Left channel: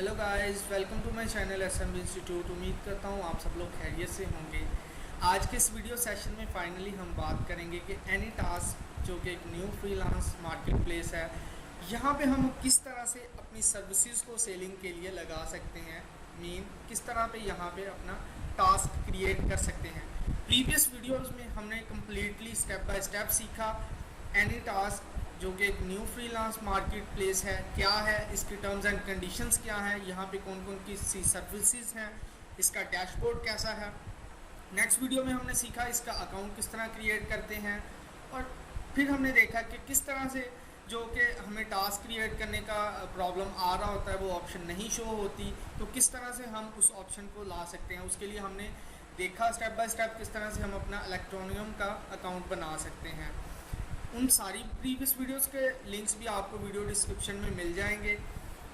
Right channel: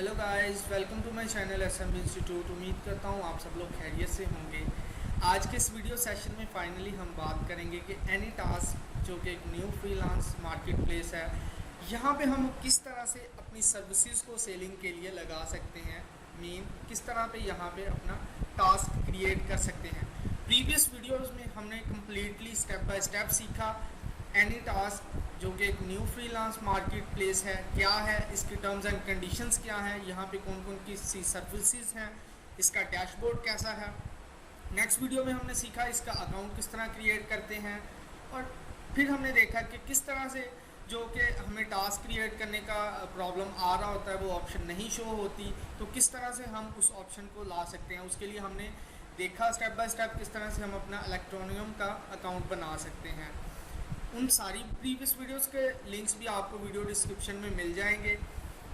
Hello guys, welcome to my channel SMB institute. उम्मीद करता हूँ आप सब लोग खैरियत से होंगे। आज के इस वीडियो सेशन में फाइनली हम बात करेंगे कि एनीटास्क जो कि एक न्यू फ्रीलांस मार्केट प्लेस है, यहाँ पे हम किस तरह से अपनी सर्विसेज को सेलिंग के लिए लगा सकते हैं। किस तरह पे यहाँ पे अपना टास्क क्रिएट कर सकते हैं। प्रीवियस वीडियोस में हमने कम्प्लीटली स्टेप बाय स्टेप सीखा एनीटास्क जो कि एक न्यू फ्रीलांस मार्केट प्लेस है, क्या है, इसकी टर्म्स एंड कंडीशंस क्या हैं, यहाँ पे कौन कौन की सी सर्विसेज हैं, इसका डैशबोर्ड कैसा है। नेक्स्ट वीडियो में हमने सीखा इसका अकाउंट किस तरह क्रिएट करते हैं, और फिर हमने देखा कि किस तरह से जो कि हमें टास्क क्रिएट करने का प्रॉब्लम आ रहा होता है, वो ऑप्शन नहीं शो होती, तो किस तरह से हम उस ऑप्शन को ला सकते हैं। उसके लिए हमने देखा स्टेप बाय स्टेप किस तरह से हम अपना इलेक्ट्रॉनियम का अकाउंट बना सकते हैं। उन सारी प्रीवियस वीडियोस के लिंक्स भी आपको वीडियो डिस्क्रिप्शन में मिल जाएंगे।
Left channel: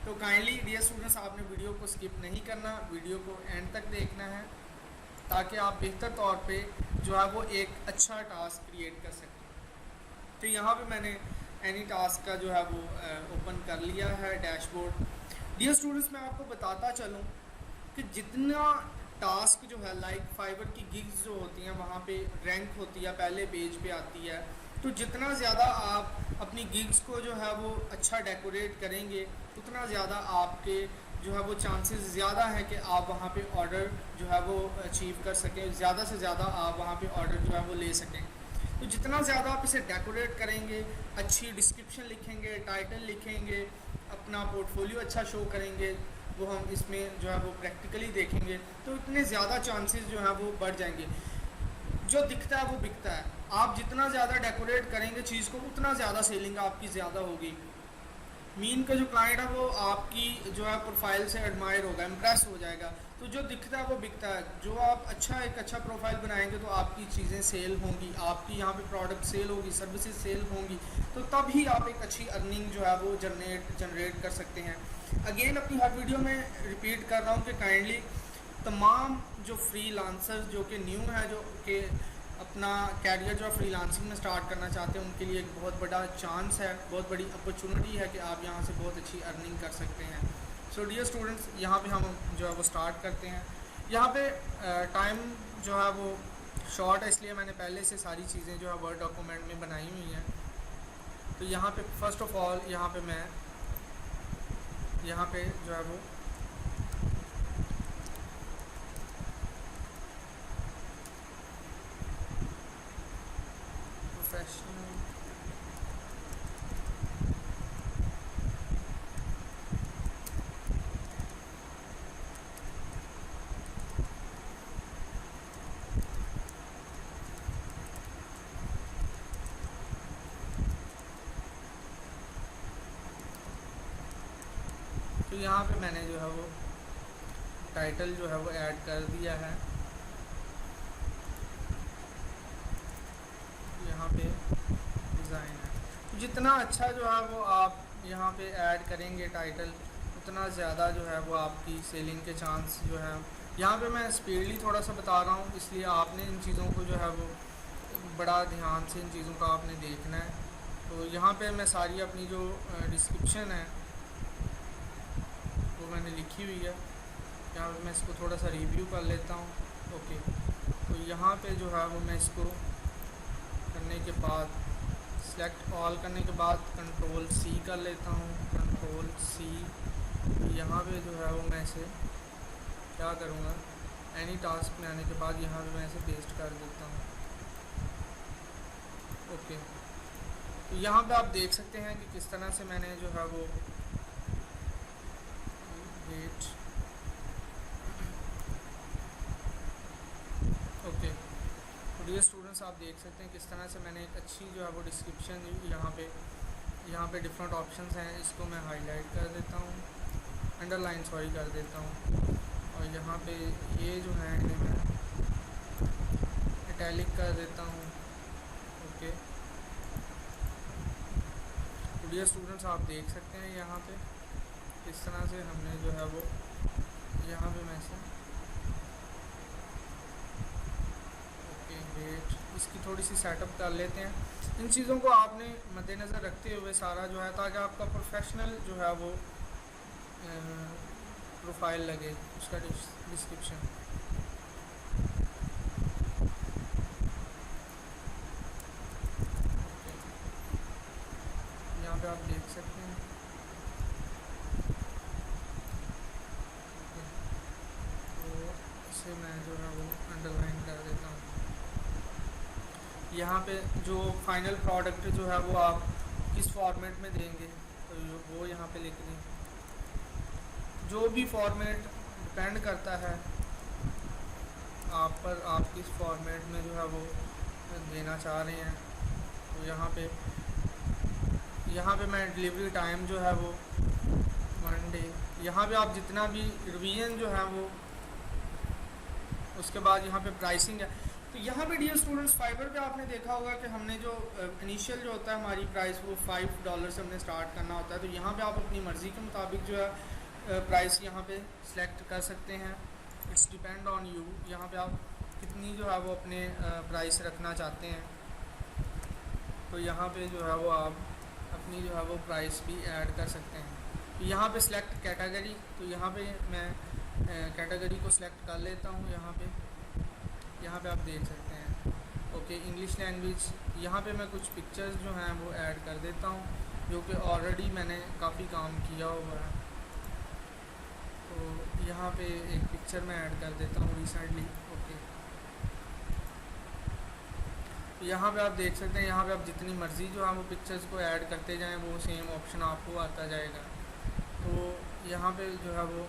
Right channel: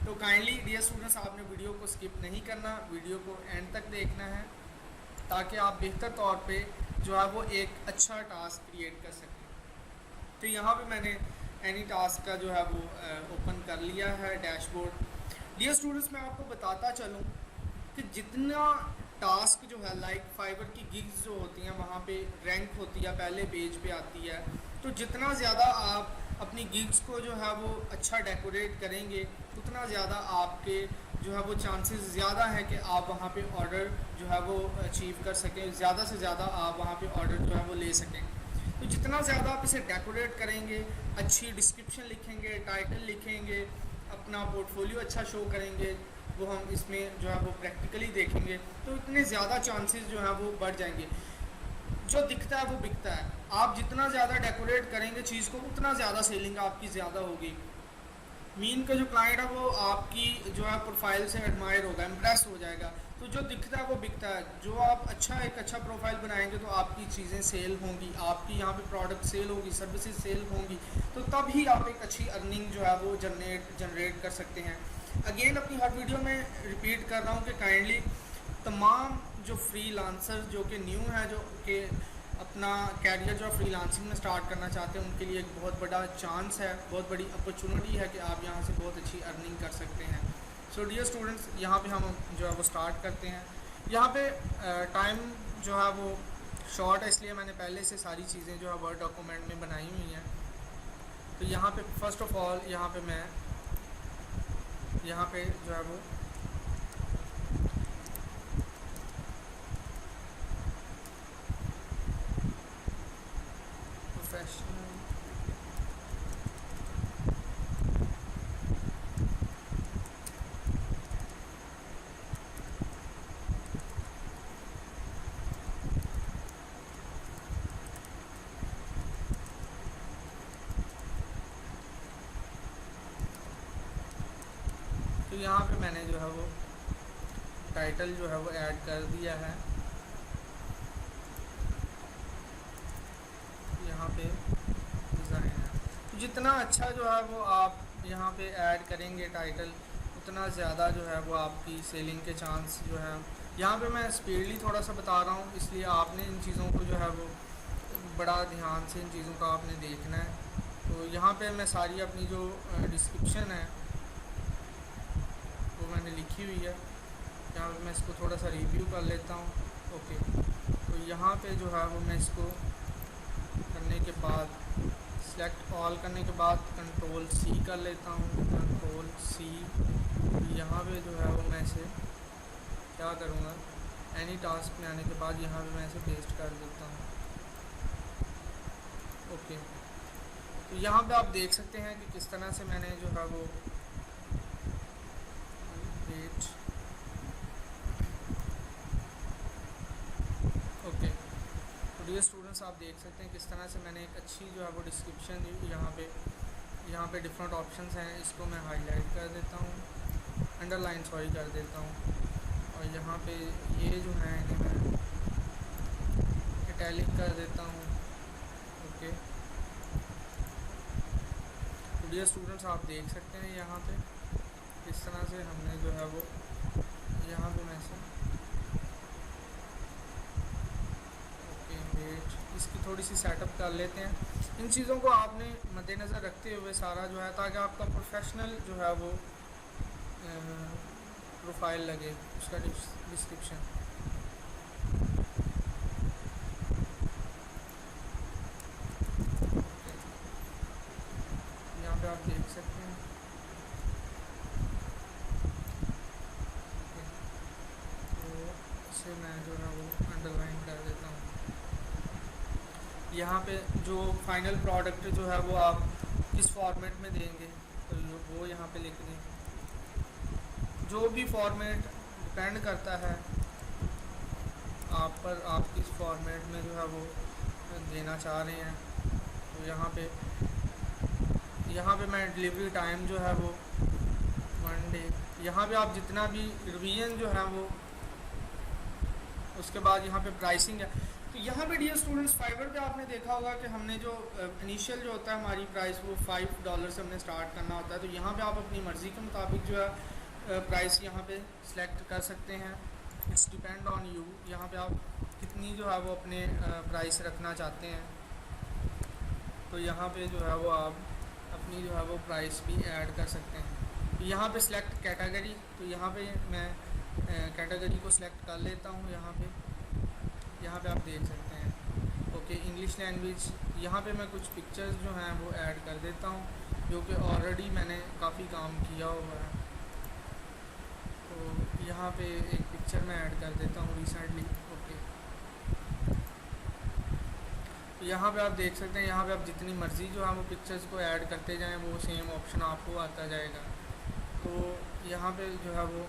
तो काइंडली डियर स्टूडेंट्स, आपने वीडियो को स्किप नहीं करना, वीडियो को एंड तक देखना है ताकि आप बेहतर तौर पे जो है वो एक अच्छा टास्क क्रिएट कर सकें। तो यहाँ पे मैंने एनी टास्क का जो है वो ओपन कर लिया है डैशबोर्ड। डियर स्टूडेंट्स, मैं आपको बताता चलूँ कि जितना टास्क जो है लाइक फाइवर की गिग्स जो होती हैं वहाँ पे रैंक होती है, पहले पेज पे आती है, तो जितना ज़्यादा आप अपनी गिग्स को जो है वो अच्छा डेकोरेट करेंगे उतना ज़्यादा आपके जो है वो चांसेस ज़्यादा है कि आप वहाँ पे ऑर्डर जो है वो अचीव कर सकें, ज़्यादा से ज़्यादा आप वहाँ पे ऑर्डर जो है वो ले सकें। तो जितना ज़्यादा आप इसे डेकोरेट करेंगे, अच्छी डिस्क्रिप्शन लिखेंगे, टाइटल लिखेंगे, अपना पोर्टफोलियो अच्छा शो करेंगे, वो हम इसमें जो है वो प्रैक्टिकली देखेंगे, तो इतने ज़्यादा चांसेस जो है वो बढ़ जाएंगे। जो दिखता है वो बिकता है। आप जितना ज़्यादा डेकोरेट करेंगे चीज़ को उतना ज़्यादा सेलिंग आपकी ज़्यादा होगी। का जो क्लाइंट है वो आपकी जो है प्रोफाइल से एडमायर होगा, इम्प्रेस हो जाएगा। तो जो दिखता है वो बिकता है। जो आप एक अच्छा प्रोफाइल बनाएंगे तो आपकी चीज़ें सेल होंगी, आपकी यहाँ पे प्रोडक्ट सेल होगी, सर्विसेज सेल होंगी, तो तब ही आप एक अच्छी अर्निंग जो है वो जनरेट कर सकते हैं। अगेन अपनी हर वीडियो में रिपीट कर रहा हूँ कि काइंडली तमाम जो फ्रीलांसर जो कि न्यू है, जो कि अपना कैरियर जो फ्रीलांसिंग में स्टार्ट करना चाहते हैं, उनके लिए एक बहुत बड़ा चांस है, बहुत बड़ी अपॉर्चुनिटी है कि आप यहाँ से बहुत अच्छी अर्निंग कर सकते हैं। सो डियर स्टूडेंट्स, यहाँ पे हम जो है वो स्टार्ट करते हैं। यहाँ पे टाइम जो है वो शॉर्ट है, इसलिए मैंने पहले से सारी चीज़ें जो है वर्ड डॉक्यूमेंट में बनाई हुई हैं। तो यहाँ पे फर्स्ट ऑफ ऑल यहाँ पे मैं यहाँ पे जो है वो प्रोफेशनल तो यहाँ पे मैंने जो है वो टाइटल जो है वो ऐड कर दिया है। यहाँ पे डिज़ाइन है, तो जितना अच्छा जो है वो आप यहाँ पे ऐड करेंगे टाइटल, उतना ज़्यादा जो है वो आपकी सेलिंग के चांस जो है। यहाँ पे मैं स्पीडली थोड़ा सा बता रहा हूँ, इसलिए आपने इन चीज़ों को जो है वो बड़ा ध्यान से इन चीज़ों का आपने देखना है। तो यहाँ पे मैं सारी अपनी जो डिस्क्रिप्शन है वो मैंने लिखी हुई है। यहाँ पे मैं इसको थोड़ा सा रिव्यू कर लेता हूँ। ओके, तो यहाँ पे जो है वो मैं इसको करने के बाद सेलेक्ट ऑल करने के बाद कंट्रोल सी कर लेता हूँ, कंट्रोल सी। यहाँ पे जो है वो मैं इसे क्या करूँगा, एनी टास्क में आने के बाद यहाँ पे मैं इसे पेस्ट कर देता हूँ। ओके, तो यहाँ पे आप देख सकते हैं कि किस तरह से मैंने जो है वो वेट ओके, तो डियर स्टूडेंट्स, आप देख सकते हैं किस तरह से मैंने एक अच्छी जो है वो डिस्क्रिप्शन यहाँ पे डिफरेंट ऑप्शंस हैं। इसको मैं हाईलाइट कर देता हूँ, अंडरलाइन सॉरी कर देता हूँ, और यहाँ पे ये जो है इन्हें मैं इटैलिक कर देता हूँ। ओके, तो डियर स्टूडेंट्स, आप देख सकते हैं यहाँ पे किस तरह से हमने जो है वो यहाँ पे मैं से वेट इसकी थोड़ी सी सेटअप कर लेते हैं। इन चीज़ों को आपने मद्देनज़र रखते हुए सारा जो है, ताकि आपका प्रोफेशनल जो है वो प्रोफाइल लगे, उसका डिस्क्रिप्शन। यहाँ पे आप देख सकते हैं। तो इसे मैं जो है वो अंडरलाइन कर देता हूँ। यहाँ पे जो फाइनल प्रोडक्ट जो है वो आप किस फॉर्मेट में देंगे तो वो यहाँ पे लिख दें। जो भी फॉर्मेट डिपेंड करता है आप पर, आप किस फॉर्मेट में जो है वो देना चाह रहे हैं। तो यहाँ पे मैं डिलीवरी टाइम जो है वो 1 डे, यहाँ पे आप जितना भी रिवीजन जो है वो, उसके बाद यहाँ पे प्राइसिंग है। तो यहाँ पे डियर स्टूडेंट्स फाइवर पे आपने देखा होगा कि हमने जो इनिशियल जो होता है हमारी प्राइस वो $5 से हमने स्टार्ट करना होता है। तो यहाँ पे आप अपनी मर्ज़ी के मुताबिक जो है प्राइस यहाँ पे सिलेक्ट कर सकते हैं। इट्स डिपेंड ऑन यू, यहाँ पे आप कितनी जो है वो अपने प्राइस रखना चाहते हैं। तो यहाँ पे जो है वो आप अपनी जो है वो प्राइस भी ऐड कर सकते हैं। तो यहाँ पे सिलेक्ट कैटेगरी, तो यहाँ पे मैं कैटेगरी को सिलेक्ट कर लेता हूँ। यहाँ पे आप देख सकते हैं ओके इंग्लिश लैंग्वेज। यहाँ पे मैं कुछ पिक्चर्स जो हैं वो ऐड कर देता हूँ, जो कि ऑलरेडी मैंने काफ़ी काम किया हुआ है। तो यहाँ पे एक पिक्चर मैं ऐड कर देता हूँ रिसेंटली। ओके, तो यहाँ पे आप देख सकते हैं, यहाँ पे आप जितनी मर्ज़ी जो है वो पिक्चर्स को ऐड करते जाएं, वो सेम ऑप्शन आपको आता जाएगा। तो यहाँ पे जो है वो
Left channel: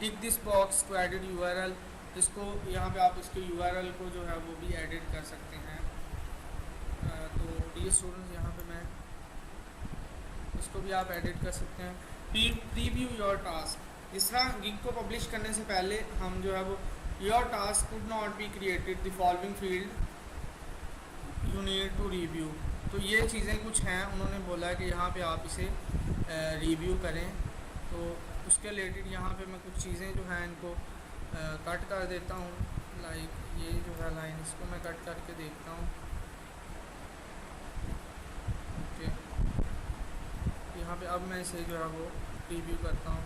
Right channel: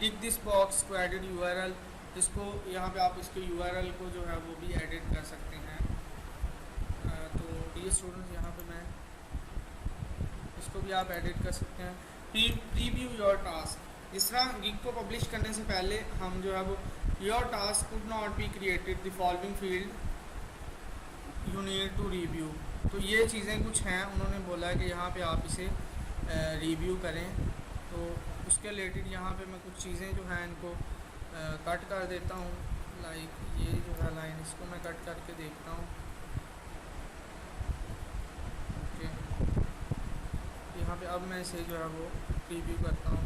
tick this box to edit URL, इसको यहाँ पे आप इसके URL को जो है वो भी एडिट कर सकते हैं। तो ये स्टूडेंट्स यहाँ पे मैं इसको भी आप एडिट कर सकते हैं। प्रीव्यू योर टास्क, इस तरह गिग को पब्लिश करने से पहले हम जो है वो your task could not be created the following field you need to review. तो ये चीज़ें कुछ हैं, उन्होंने बोला है कि यहाँ पे आप इसे रिव्यू करें। तो उसके रिलेटेड यहाँ पे मैं कुछ चीज़ें जो हैं इनको कट कर देता हूँ। लाइक ये जो है लाइन, इसको मैं कट करके देखता हूँ। ओके, यहाँ पे अब मैं इसे जो है वो रिव्यू करता हूँ।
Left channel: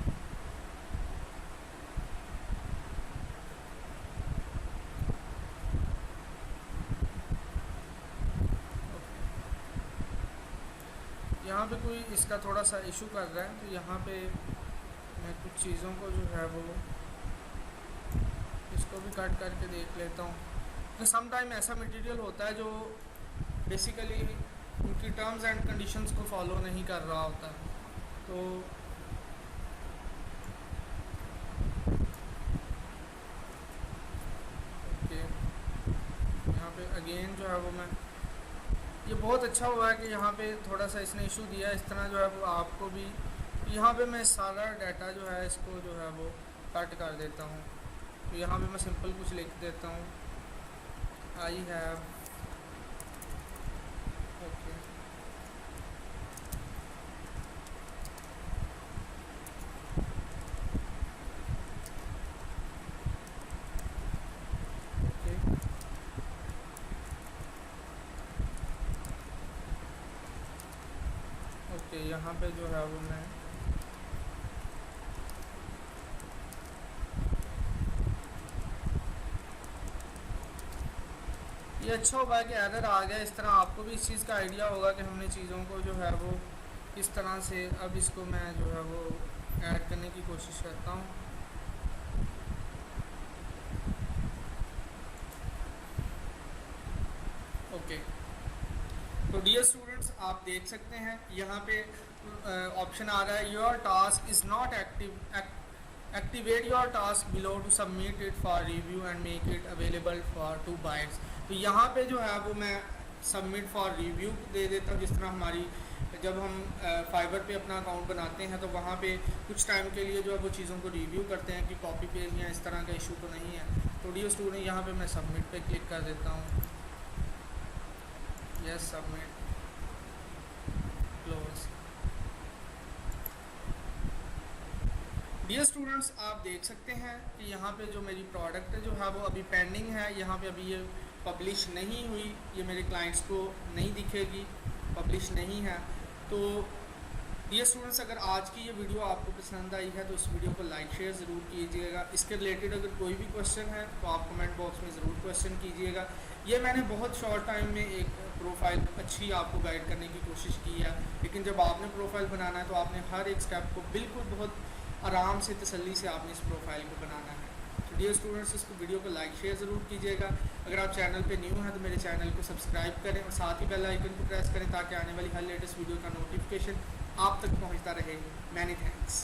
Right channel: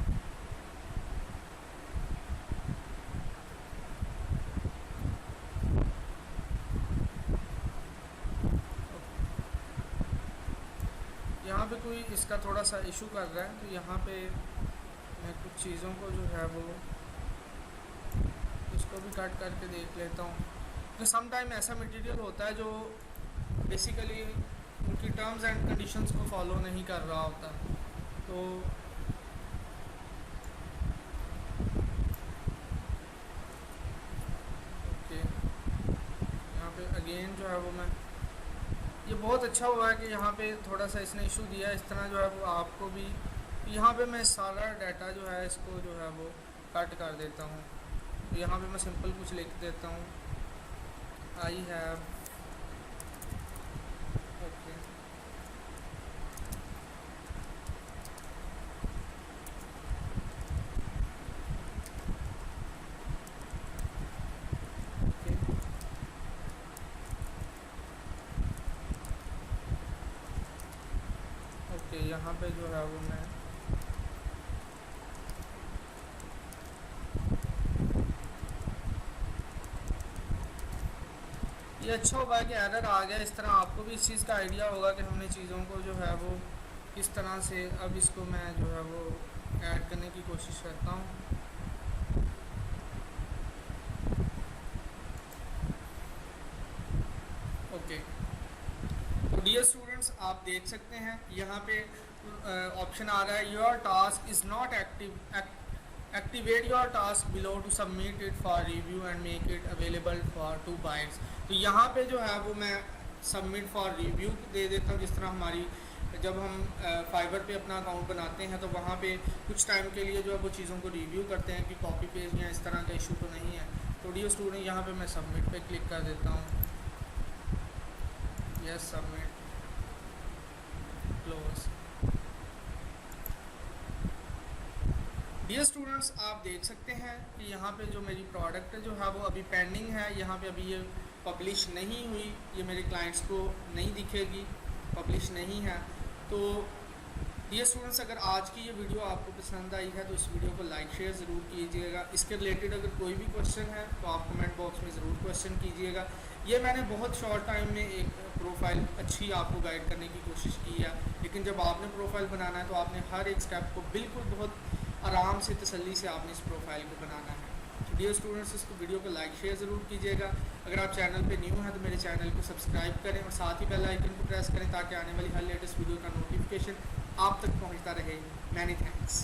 यहाँ पे कोई इसका थोड़ा सा इशू कर रहा है, तो यहाँ पे मैं कुछ चीज़ों को जो है वो इसको भी कट करके देख लेता हूँ। तो सम टाइम ऐसा मटेरियल होता है जो बेसिकली उनकी टर्म्स एंड कंडीशंस को फॉलो नहीं कर रहा होता। तो ओके, यहाँ पे अगेन जो है वो मैं, ये बहुत अच्छा हुआ है कि यहाँ पे थोड़ा सा इसने इशू दिया। इस तरह जो है वो आपको भी, यहाँ पे मैं सारा डाटा जो है इसको जो है वो कट कर देता हूँ। तो यहाँ पे मैं सिंपल कुछ लिख देता हूँ, I have okay okay okay, यहाँ पे जो है वो मैं ये अच्छा होगा कि एरर आ गया। इस तरह आपको भी इस चीज़ का आइडिया होगा कि हमने चीज़ों को जो है वो किस तरह से, अब इसको मैं जो है वो ऐड करने की कोशिश करता हूँ। ओके, तो डियर स्टूडेंट्स आप देख सकते हैं यहाँ पे ऑप्शन आ रहा है your task is not activate your task below to submit it for review and make it available for to buyers. तो यहाँ पे जो है वो मैं सबमिट फॉर रिव्यू दे देता हूँ। जिस तरह हमारी जब हम फाइवर पे अपना अकाउंट बनाते हैं तो वहाँ पे कुछ टाइम के लिए जो है वो चीज़ों को रिव्यू करते हैं कि कॉपी पेज या इस तरह का इशू तो नहीं है। तो डियर स्टूडेंट यहाँ पे मैं सबमिट पे क्लिक कर देता हूँ। Yes, submit, close. Dear students आप देख सकते हैं कि यहाँ पे जो मेरी प्रोडक्ट जो है वो अभी पेंडिंग है। यहाँ पे अभी ये पब्लिश नहीं हुई, ये मेरे क्लाइंट्स को नहीं दिखेगी, पब्लिश नहीं है। तो डियर स्टूडेंट्स, अगर आज की ये वीडियो आपको पसंद आई है तो इस वीडियो को लाइक शेयर ज़रूर कीजिएगा। इसके रिलेटेड अगर कोई भी क्वेश्चन है तो आप कमेंट बॉक्स में ज़रूर क्वेश्चन कीजिएगा। ये मैंने बहुत शॉर्ट टाइम में एक प्रोफाइल अच्छी आपको गाइड करने की कोशिश की है, लेकिन जब आपने प्रोफाइल बनाना है तो आपने हर एक स्टेप को बिल्कुल बहुत आराम से तसल्ली से आपने इस प्रोफाइल को बनाना है। तो डियर स्टूडेंट्स, इसको वीडियो को लाइक शेयर ज़रूर कीजिएगा। अगर आप चैनल पे न्यू हैं तो मेरे चैनल को सब्सक्राइब करें और साथ ही बेल आइकन को प्रेस करें ताकि आने वाली हर लेटेस्ट वीडियो का नोटिफिकेशन आप तक पहुंचता रहे। Many thanks.